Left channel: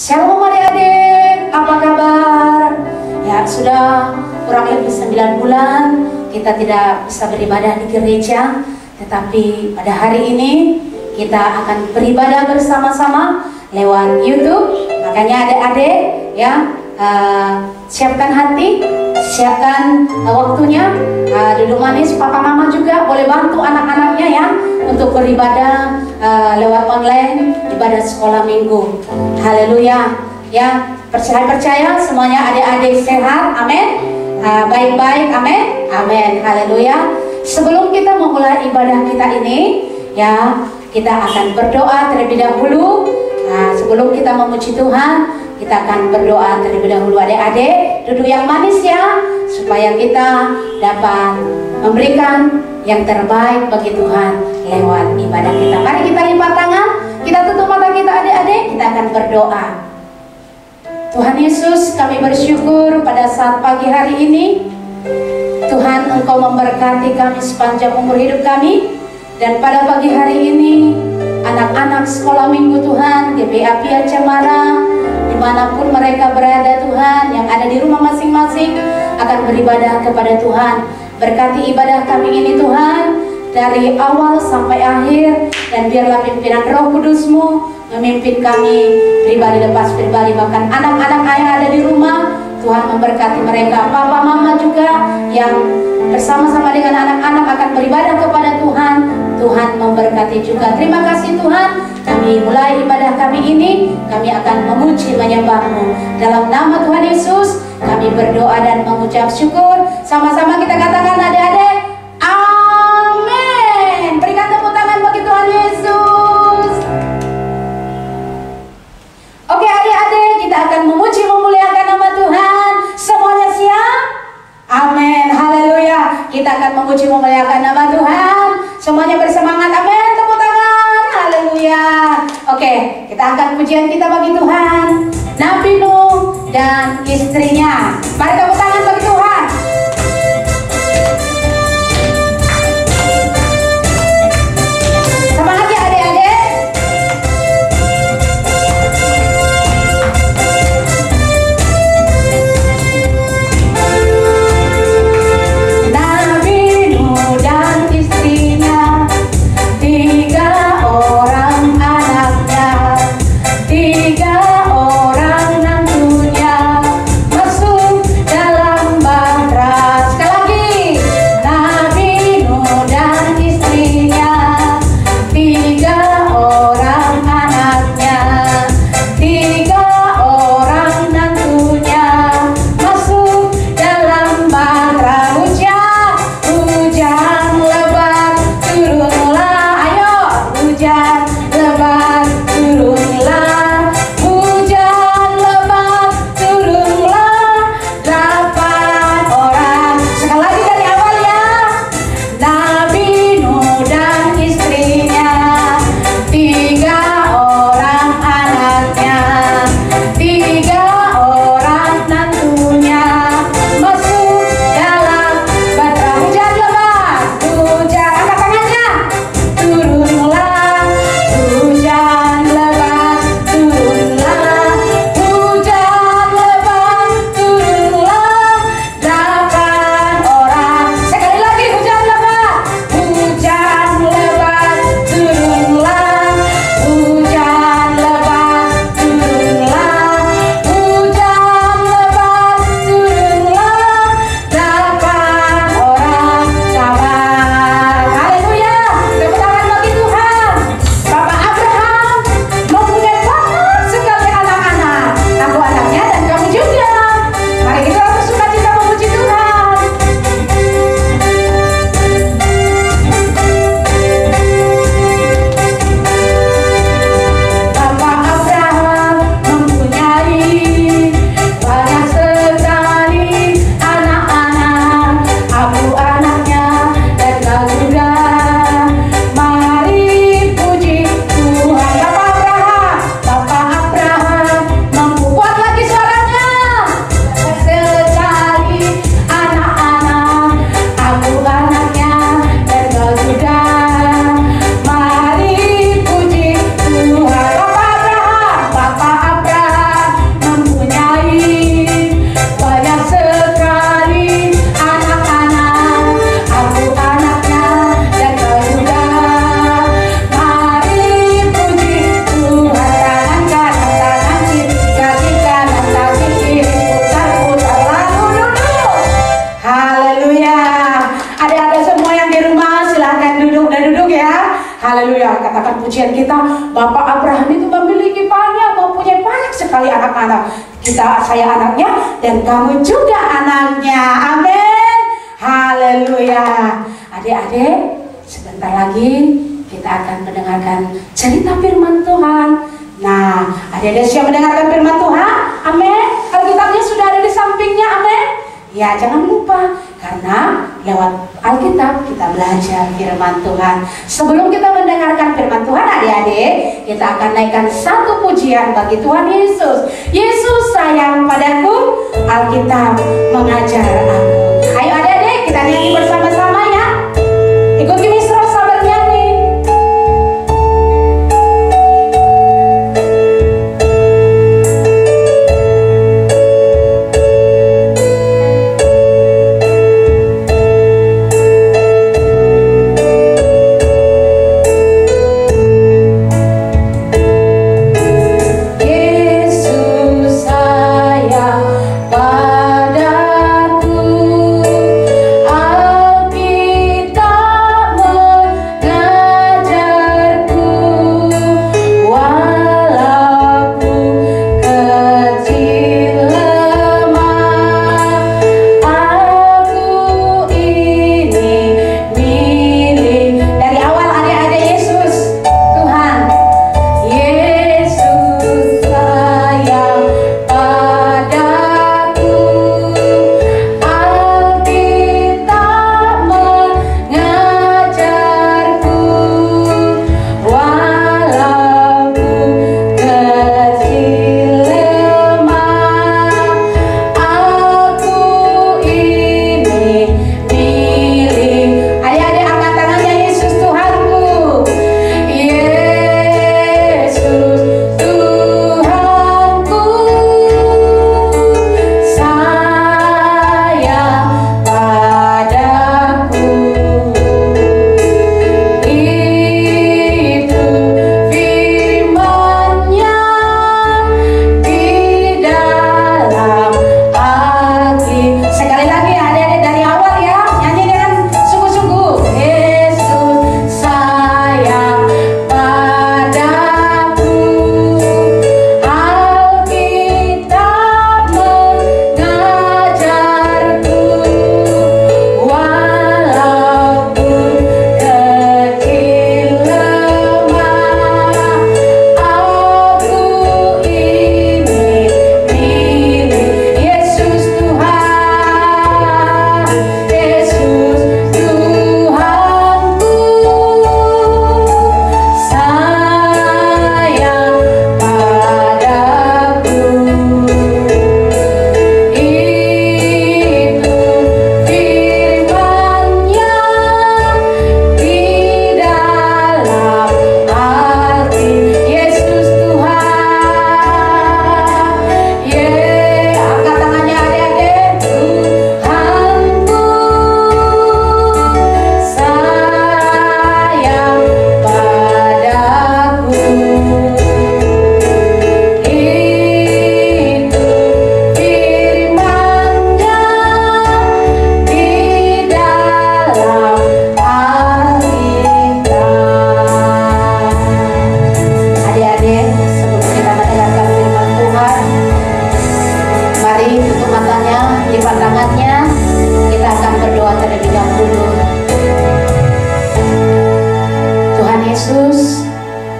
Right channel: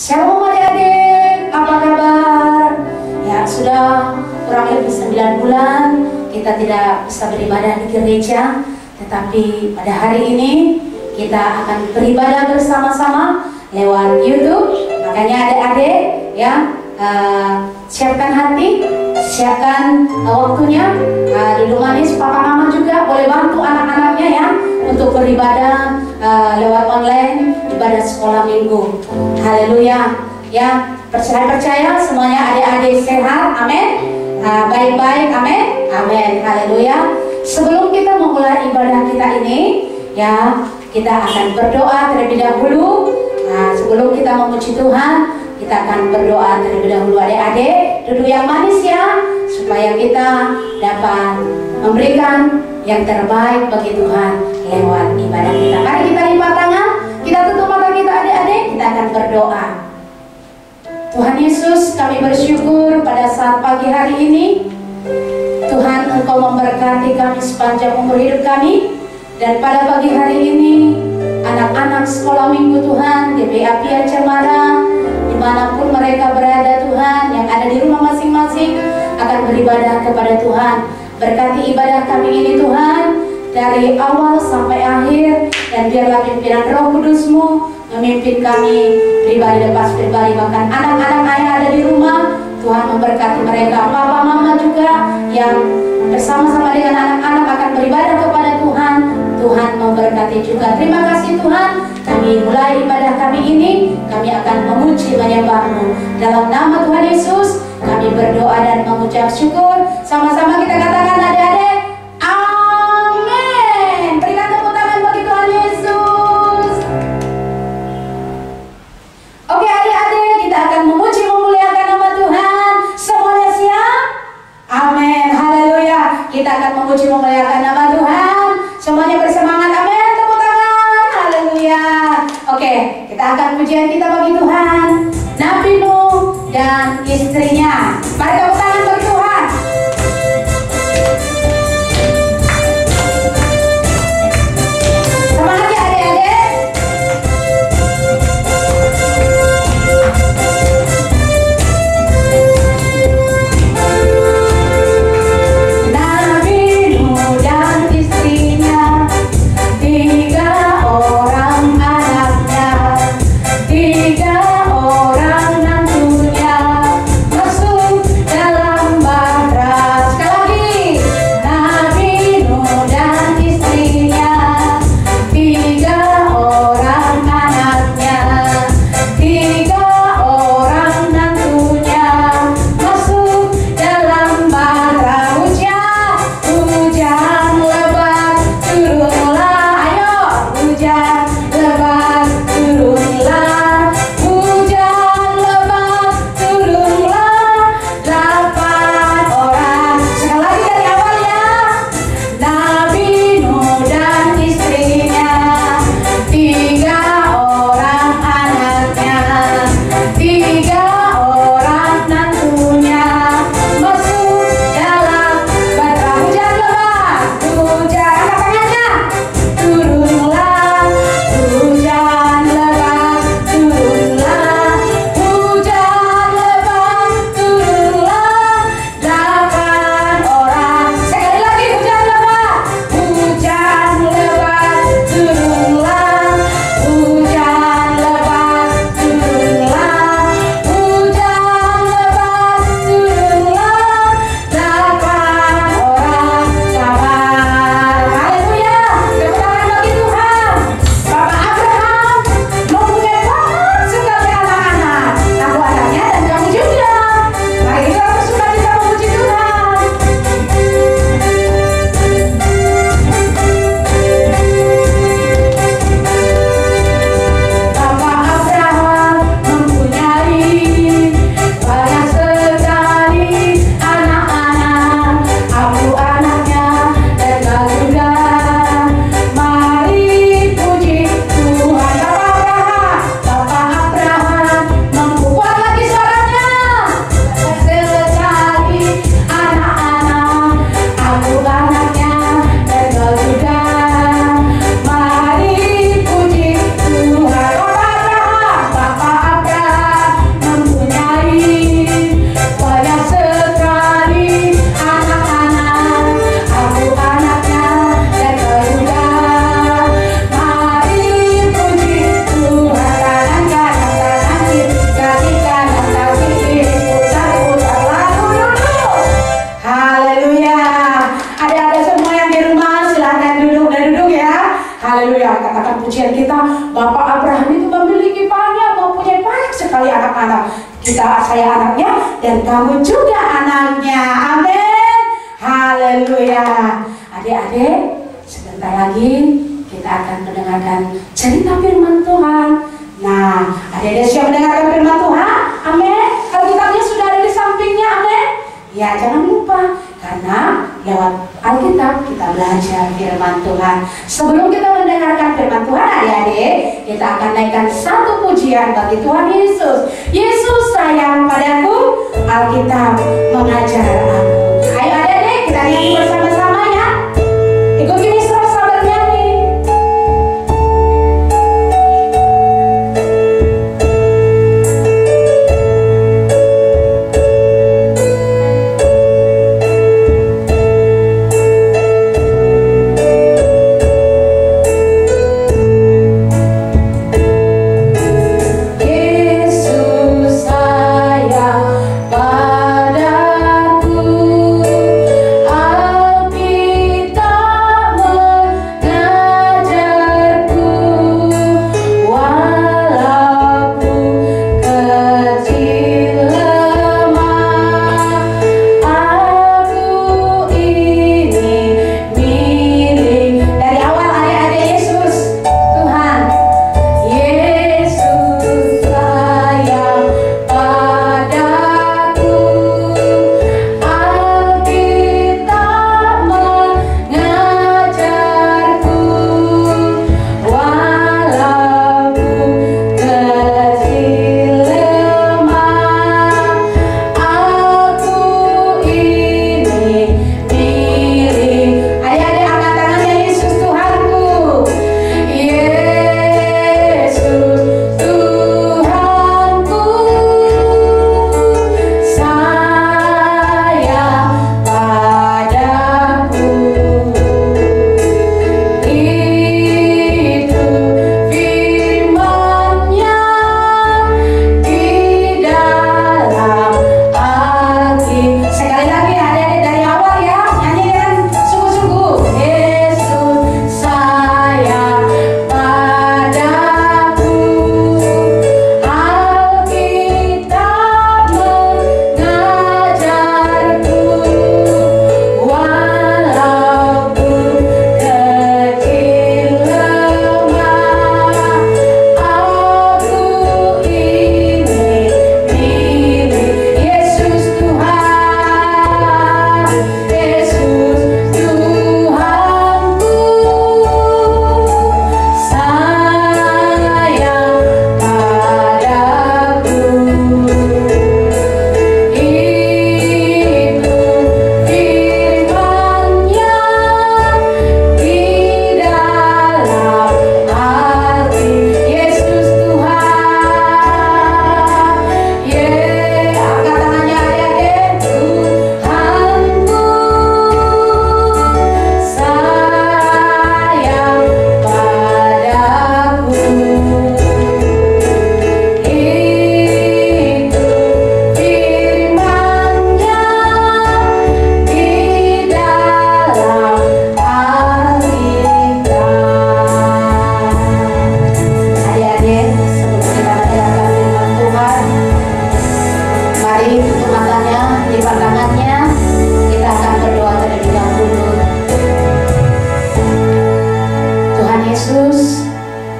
Shalom adik-adik, apa kabar? Ya sudah kurang lebih 9 bulan kita tidak bisa beribadah di gereja, tetapi pada hari ini kita akan beribadah bersama-sama lewat YouTube. Makanya adik-adik ya, siapkan hati, siapkan waktunya, duduk manis, papa mama juga boleh bantu anak-anaknya ya untuk beribadah lewat online, ibadah sekolah minggu. Haleluya ya, percaya semuanya adik-adik sehat, amin, baik-baik, amin, amin, haleluya. Sebelum kita memulai ibadah kita ini ya, kita akan berdoa terlebih dahulu. Sebelum kita memuji Tuhan, kita akan berdoa terlebih dahulu. Adik-adik duduk yang manis ya, supaya kita dapat memberikan yang terbaik bagi Tuhan lewat ibadah kita. Mari kita lipat tangan, kita tutup mata kita adik-adik, kita akan berdoa. Tuhan Yesus, kami bersyukur pada saat pagi hari ini Tuhan, Engkau memberkati kami sepanjang umur hidup kami. Dan pada pagi hari ini anak-anak sekolah minggu Tuhan, GPA Pia Cemara, dimanapun mereka berada Tuhan, yang ada di rumah masing-masing akan beribadah kepada Tuhan. Berkati ibadah kami ini Tuhan, dari awal sampai akhir, dan biarlah pimpinan Roh Kudus-Mu memimpin kami pribadi lepas pribadi, bahkan anak-anak yang ada di rumah. Tuhan memberkati mereka, papa mama juga yang bersama-sama dengan anak-anak akan beribadah kepada Tuhan. Tuhan memberkati juga. Terima kasih Tuhan, kami mulai ibadah kami ini, kami akan memuji menyembah-Mu. Dalam nama Tuhan Yesus kami berdoa dan mengucap syukur. Sama-sama kita katakan adik-adik, amin. Berikan tepuk tangan bagi Tuhan Yesus. Oke adik-adik, kita akan memuji memuliakan nama Tuhan. Semuanya siap? Amin, haleluya. Kita akan memuji memuliakan nama Tuhan. Semuanya bersemangat, amin, tepuk tangan, haleluya. Oke, kita angkat pujian kita bagi Tuhan. Nabi Nuh dan istrinya. Mari tepuk tangan bagi Tuhan. Semangat ya adik-adik. Nabi Nuh dan istrinya, 3 orang anaknya, 3 orang nantunya, masuk Haleluya. Katakan pujian kita, Bapak Abraham itu memiliki banyak, mempunyai banyak sekali anak-anak. Saya anaknya dan kamu juga anaknya. Amin. Haleluya. Adik-adik, sebentar lagi kita akan mendengarkan cerita firman Tuhan. Nah, adik-adik siap mendengarkan firman Tuhan? Amin. Alkitabnya sudah ada di sampingnya. Amin. Ya, jangan lupa, karena lewat Alkitab kita belajar firman Tuhan. Sebelum kita mendengarkan firman Tuhan, adik-adik, kita akan naikkan satu pujian bagi Tuhan Yesus. Yesus sayang padaku, Alkitab mengajar aku. Ayo adik-adik, kita nyanyi bersama-sama ya. Ikuti Mistro Sabar nyanyi.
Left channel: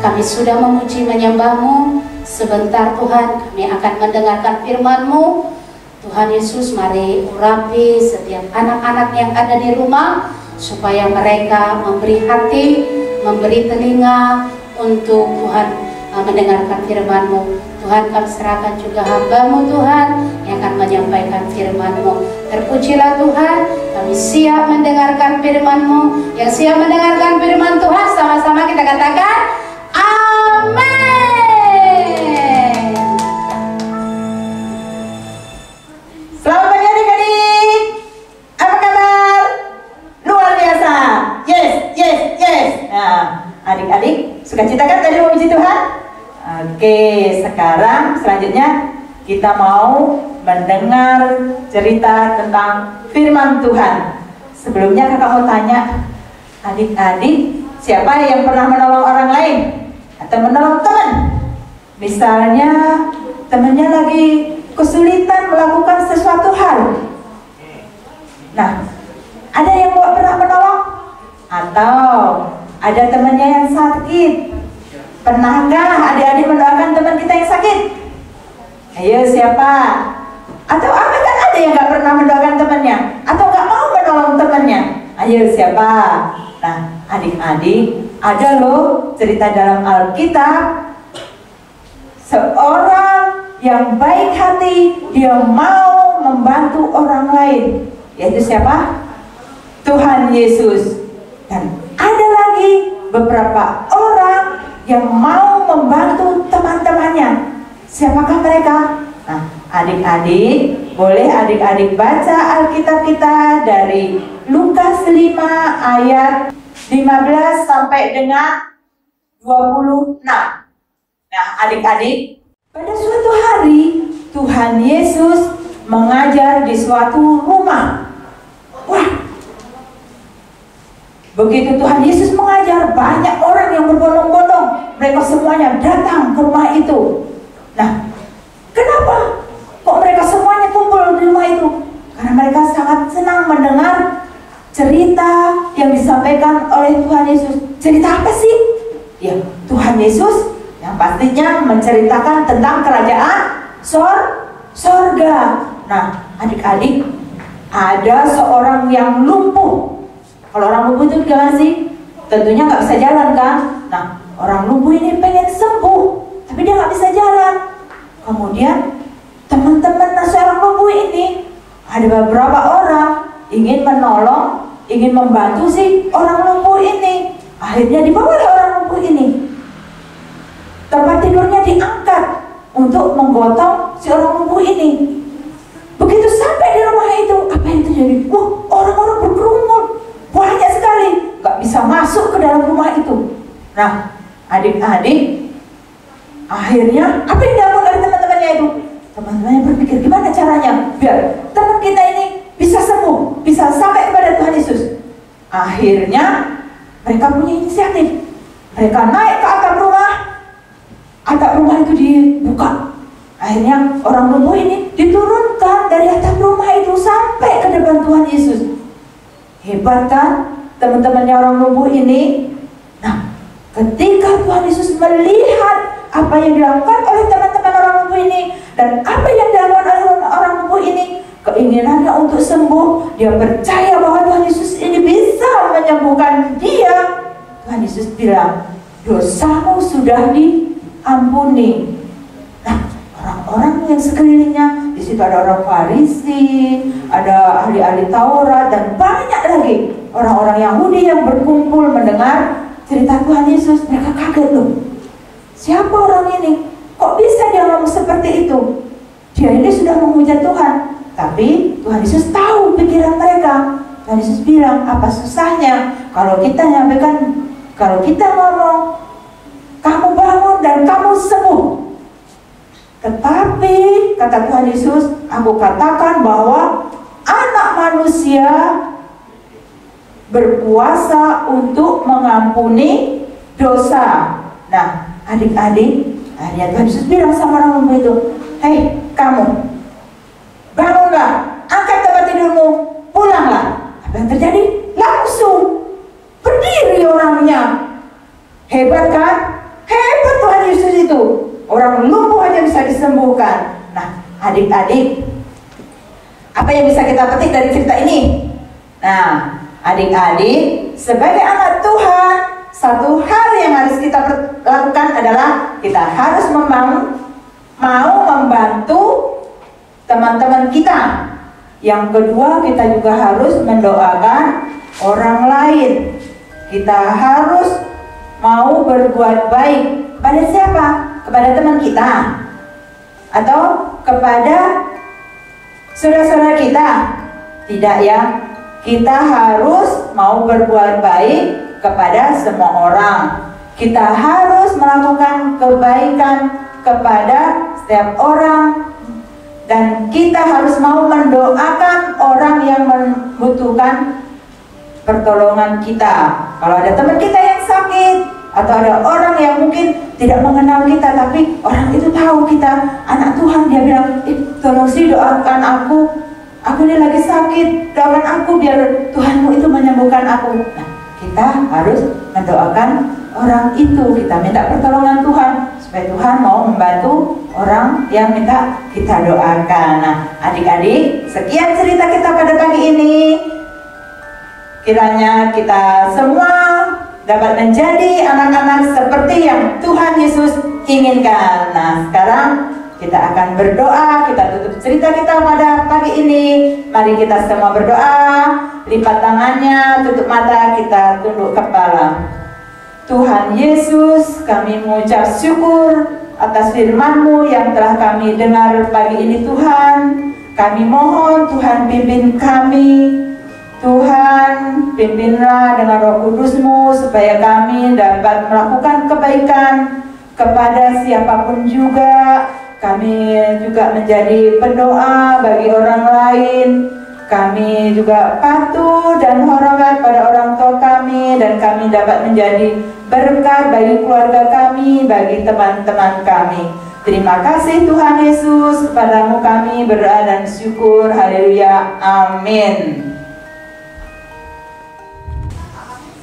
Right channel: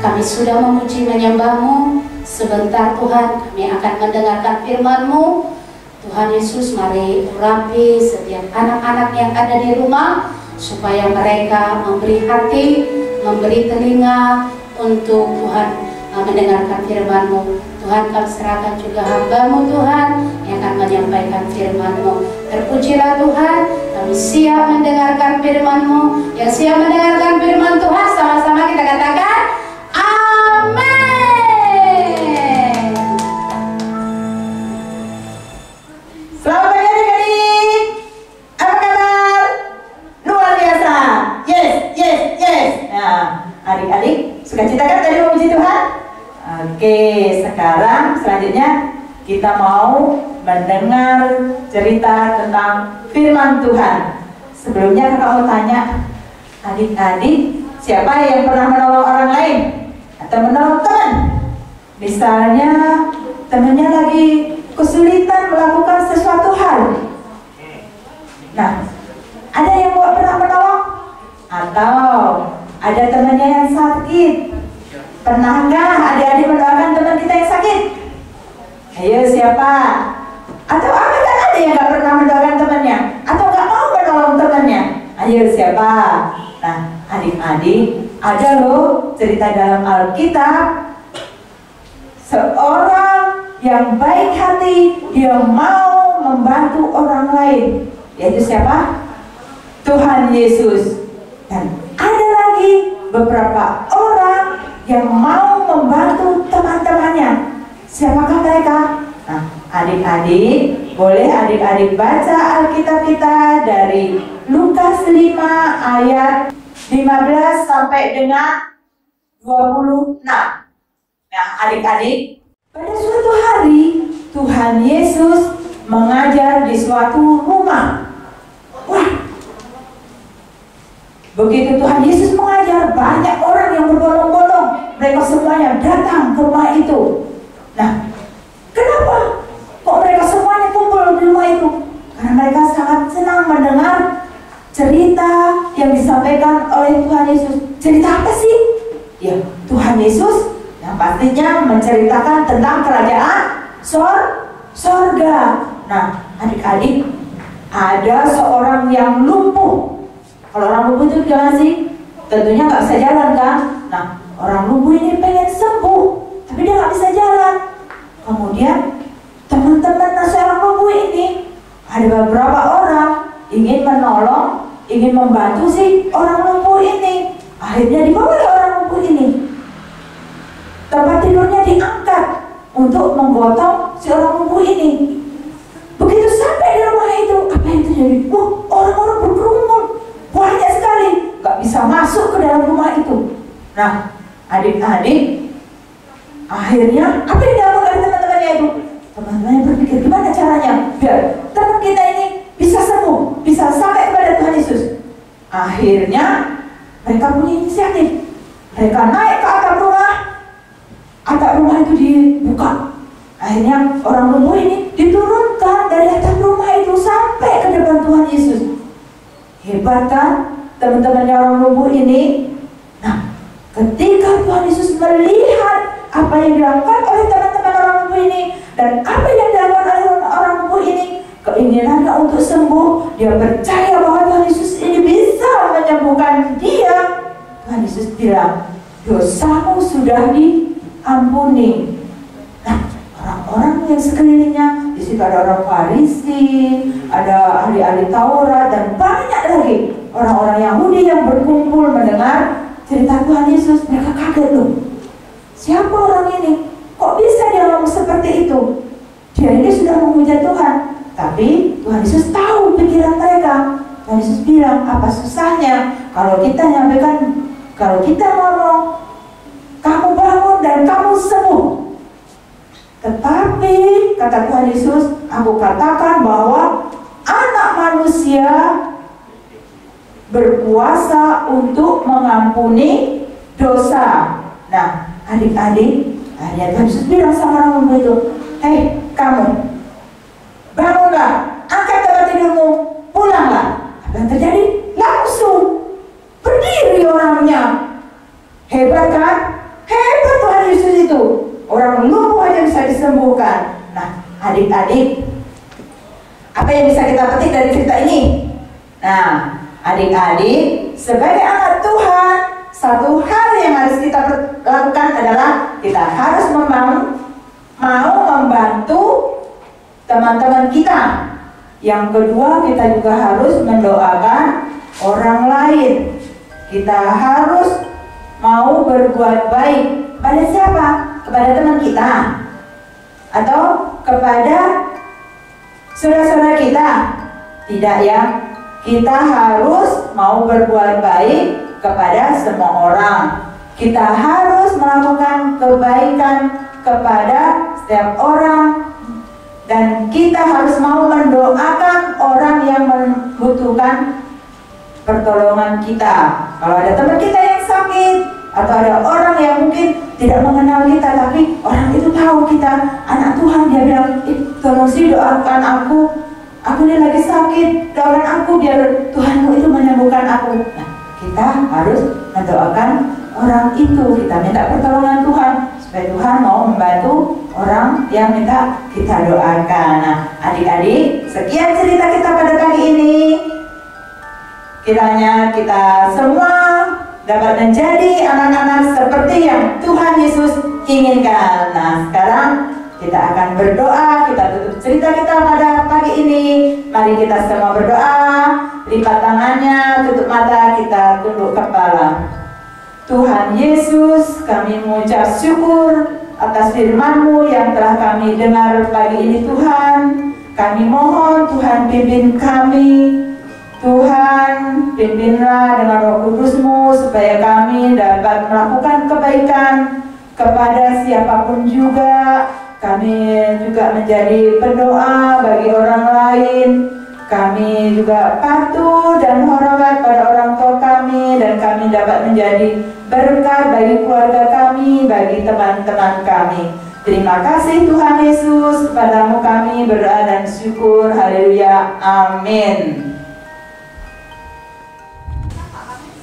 Kami sudah memuji menyembah-Mu. Sebentar Tuhan, kami akan mendengarkan firman-Mu. Tuhan Yesus, mari urapi setiap anak-anak yang ada di rumah, supaya mereka memberi hati, memberi telinga untuk Tuhan mendengarkan firman-Mu. Tuhan, kami serahkan juga hamba-Mu Tuhan yang akan menyampaikan firman-Mu. Terpujilah Tuhan, kami siap mendengarkan firman-Mu. Yang siap mendengarkan firman Tuhan, sama-sama kita katakan amin. Selamat pagi adik-adik. Apa kabar? Luar biasa. Yes, yes, yes. Nah, adik-adik sukacita kan tadi memuji Tuhan? Oke, sekarang selanjutnya kita mau mendengar cerita tentang firman Tuhan. Sebelumnya kakak mau tanya, adik-adik siapa yang pernah menolong orang lain atau menolong teman? Misalnya temannya lagi kesulitan melakukan sesuatu hal. Nah, ada yang pernah menolong? Atau ada temannya yang sakit? Pernahkah adik-adik mendoakan teman kita yang sakit? Ayo, siapa? Atau apakah ada yang gak pernah mendoakan temannya? Atau gak mau menolong temannya? Ayo, siapa? Nah, adik-adik, ada loh cerita dalam Alkitab. Seorang yang baik hati, dia mau membantu orang lain. Yaitu siapa? Tuhan Yesus. Dan ada lagi beberapa orang yang mau membantu teman-temannya. Siapakah mereka? Nah, adik-adik, boleh adik-adik baca Alkitab kita dari Lukas 5 ayat 15 sampai dengan 26. Nah, adik-adik, pada suatu hari Tuhan Yesus mengajar di suatu rumah. Wah, begitu Tuhan Yesus mengajar, banyak orang yang berbondong-bondong. Mereka semuanya datang ke rumah itu. Nah, kenapa kok mereka semuanya kumpul di rumah itu? Karena mereka sangat senang mendengar cerita yang disampaikan oleh Tuhan Yesus. Cerita apa sih? Ya, Tuhan Yesus yang pastinya menceritakan tentang kerajaan sorga. Nah, adik-adik, ada seorang yang lumpuh. Kalau orang lumpuh itu gimana sih? Tentunya nggak bisa jalan kan? Nah, orang lumpuh ini pengen sembuh, tapi dia nggak bisa jalan. Kemudian teman-teman seorang lumpuh ini, ada beberapa orang ingin menolong, ingin membantu si orang lumpuh ini. Akhirnya dibawa oleh orang lumpuh ini. Tempat tidurnya diangkat untuk menggotong si orang lumpuh ini. Begitu sampai di rumah itu, apa yang terjadi? Wah, orang-orang berkerumun, banyak sekali, nggak bisa masuk ke dalam rumah itu. Nah, adik-adik, akhirnya apa yang dilakukan oleh teman-temannya itu? Teman-temannya berpikir gimana caranya biar teman kita ini bisa sembuh, bisa sampai kepada Tuhan Yesus. Akhirnya mereka punya inisiatif. Mereka naik ke atap rumah itu dibuka. Akhirnya orang lumpuh ini diturunkan dari atap rumah itu sampai ke depan Tuhan Yesus. Hebat kan teman-temannya orang lumpuh ini? Nah, ketika Tuhan Yesus melihat apa yang dilakukan oleh teman-teman orang lumpuh ini dan apa yang dilakukan oleh orang lumpuh ini, keinginannya untuk sembuh, dia percaya bahwa Tuhan Yesus ini bisa menyembuhkan dia. Tuhan Yesus bilang, dosamu sudah diampuni. Nah, orang-orang yang sekelilingnya, di situ ada orang Farisi, ada ahli-ahli Taurat, dan banyak lagi orang-orang Yahudi yang berkumpul mendengar cerita Tuhan Yesus. Mereka kaget loh, siapa orang ini? Kok bisa dia ngomong seperti itu? Dia ini sudah memuja Tuhan. Tapi Tuhan Yesus tahu pikiran mereka. Tuhan Yesus bilang, apa susahnya kalau kita nyampaikan, kalau kita ngomong, kamu bangun dan kamu sembuh. Tetapi kata Tuhan Yesus, aku katakan bahwa anak manusia berkuasa untuk mengampuni dosa. Nah, adik-adik, akhirnya Tuhan Yesus bilang sama orang lumpuh itu, hei kamu, bangunlah, angkat tempat tidurmu, pulanglah. Apa yang terjadi? Langsung berdiri orangnya. Hebat kan? Hebat Tuhan Yesus itu. Orang lumpuh aja bisa disembuhkan. Nah, adik-adik, apa yang bisa kita petik dari cerita ini? Nah, adik-adik, sebagai anak Tuhan, satu hal yang harus kita lakukan adalah kita harus mau membantu teman-teman kita. Yang kedua, kita juga harus mendoakan orang lain. Kita harus mau berbuat baik. Kepada siapa? Kepada teman kita? Atau kepada saudara-saudara kita? Tidak ya. Kita harus mau berbuat baik kepada semua orang. Kita harus melakukan kebaikan kepada setiap orang. Dan kita harus mau mendoakan orang yang membutuhkan pertolongan kita. Kalau ada teman kita yang sakit, Atau ada orang yang mungkin tidak mengenal kita, tapi orang itu tahu kita anak Tuhan. Dia bilang, tolong sih doakan aku ini lagi sakit, doakan aku biar Tuhanmu itu menyembuhkan aku. Nah, kita harus mendoakan orang itu, kita minta pertolongan Tuhan supaya Tuhan mau membantu orang yang minta kita doakan. Nah, adik-adik, sekian cerita kita pada pagi ini. Kiranya kita semua dapat menjadi anak-anak seperti yang Tuhan Yesus inginkan. Nah, sekarang kita akan berdoa, kita tutup cerita kita pada pagi ini. Mari kita semua berdoa, lipat tangannya, tutup mata, kita tunduk kepala. Tuhan Yesus, kami mengucap syukur atas firman-Mu yang telah kami dengar pagi ini Tuhan. Kami mohon Tuhan pimpin kami. Tuhan, pimpinlah dengan Roh Kudus-Mu supaya kami dapat melakukan kebaikan kepada siapapun juga. Kami juga menjadi pendoa bagi orang lain. Kami juga patuh dan hormat pada orang tua kami, dan kami dapat menjadi berkat bagi keluarga kami, bagi teman-teman kami. Terima kasih Tuhan Yesus, kepadamu kami berdoa dan syukur. Haleluya, amin.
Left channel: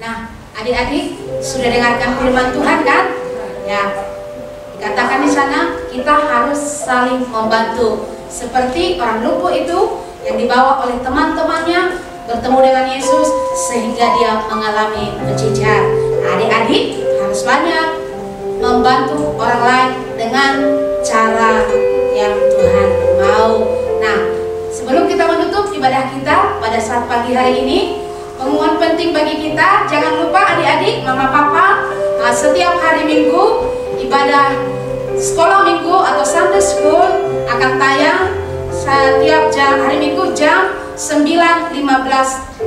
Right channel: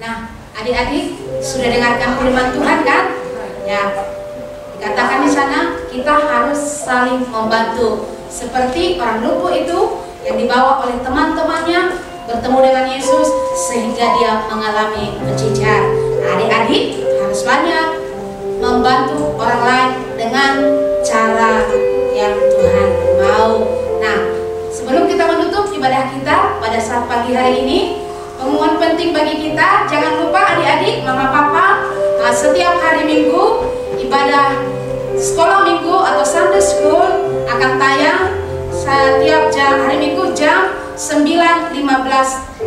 Nah, adik-adik sudah dengarkan firman Tuhan kan? Ya, dikatakan di sana kita harus saling membantu. Seperti orang lumpuh itu yang dibawa oleh teman-temannya bertemu dengan Yesus sehingga dia mengalami mujizat. Nah, adik-adik harus banyak membantu orang lain dengan cara yang Tuhan mau. Nah, sebelum kita menutup ibadah kita pada saat pagi hari ini, pengumuman penting bagi kita, jangan lupa adik-adik, mama papa, setiap hari Minggu ibadah sekolah minggu atau Sunday School akan tayang setiap hari Minggu jam 9.15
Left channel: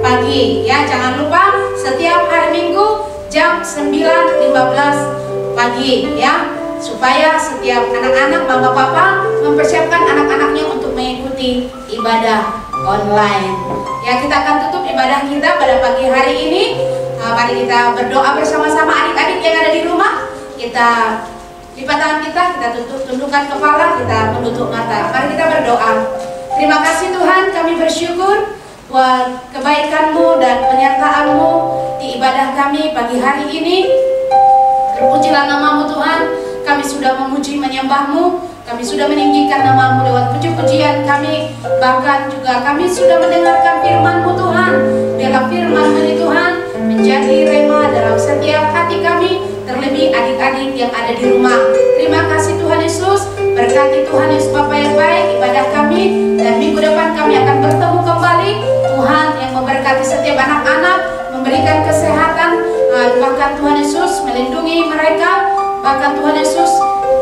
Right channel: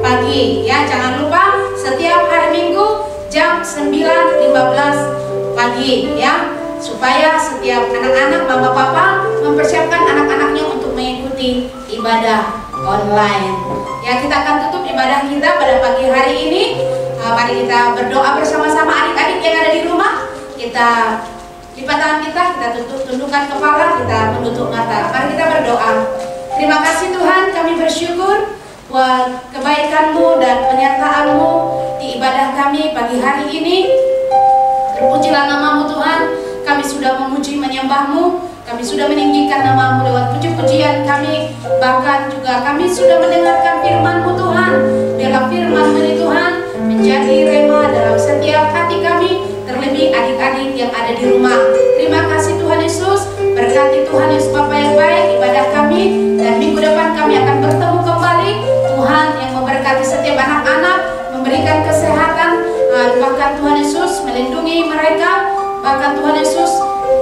pagi ya. Jangan lupa setiap hari Minggu jam 9.15 pagi ya, supaya setiap anak-anak mama papa mempersiapkan anak-anaknya untuk mengikuti ibadah online. Ya, kita akan tutup ibadah kita pada pagi hari ini. Mari kita berdoa bersama-sama adik-adik yang ada di rumah. Kita lipat tangan kita tundukkan kepala, kita menutup mata. Mari kita berdoa. Terima kasih Tuhan, kami bersyukur buat kebaikan-Mu dan penyertaan-Mu di ibadah kami pagi hari ini. Terpujilah nama-Mu Tuhan. Kami sudah memuji menyembah-Mu. Kami sudah meninggikan nama-Mu lewat puji-pujian kami. Bahkan juga kami sudah mendengarkan firman-Mu Tuhan. Dalam firman-Mu ini Tuhan menjadi rema dalam setiap hati kami, terlebih adik-adik yang ada di rumah. Terima kasih Tuhan Yesus. Berkati Tuhan Yesus Bapa yang baik ibadah kami, dan minggu depan kami akan bertemu kembali. Tuhan yang memberkati setiap anak-anak, memberikan kesehatan, bahkan Tuhan Yesus melindungi mereka. Bahkan Tuhan Yesus,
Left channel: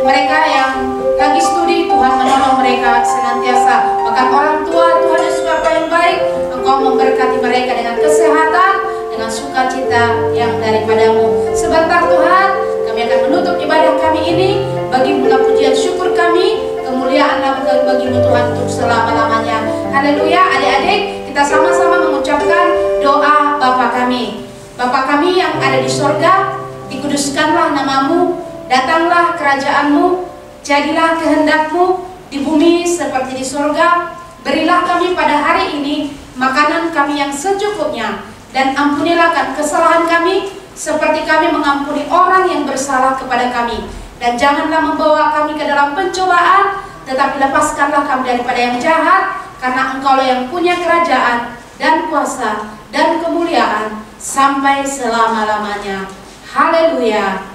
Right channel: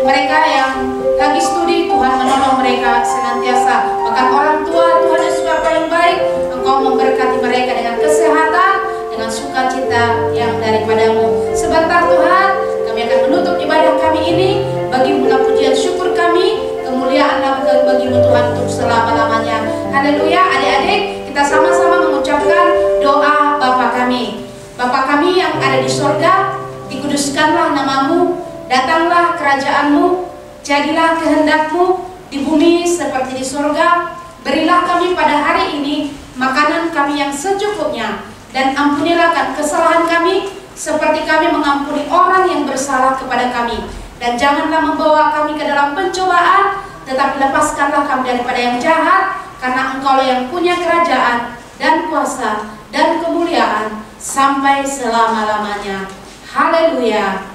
mereka yang lagi studi, Tuhan menolong mereka senantiasa. Bahkan orang tua, Tuhan Yesus Bapa yang baik, Engkau memberkati mereka dengan kesehatan, dengan sukacita yang daripada-Mu. Sebentar Tuhan, kami akan menutup ibadah kami ini. Bagi-Mu pujian syukur kami, kemuliaan bagi-Mu Tuhan untuk selama-lamanya. Haleluya. Adik-adik, kita sama-sama mengucapkan doa Bapa kami. Bapa kami yang ada di sorga, dikuduskanlah nama-Mu, datanglah kerajaan-Mu, jadilah kehendak-Mu di bumi seperti di sorga. Berilah kami pada hari ini makanan kami yang secukupnya, dan ampunilah kesalahan kami seperti kami mengampuni orang yang bersalah kepada kami. Dan janganlah membawa kami ke dalam pencobaan, tetapi lepaskanlah kami daripada yang jahat, karena Engkau yang punya kerajaan dan kuasa dan kemuliaan sampai selama-lamanya. Haleluya.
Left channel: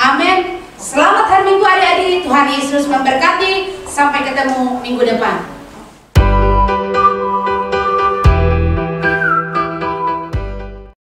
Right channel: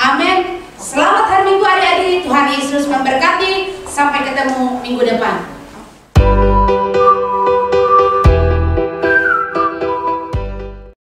Amin. Selamat hari Minggu adik-adik. Tuhan Yesus memberkati. Sampai ketemu minggu depan.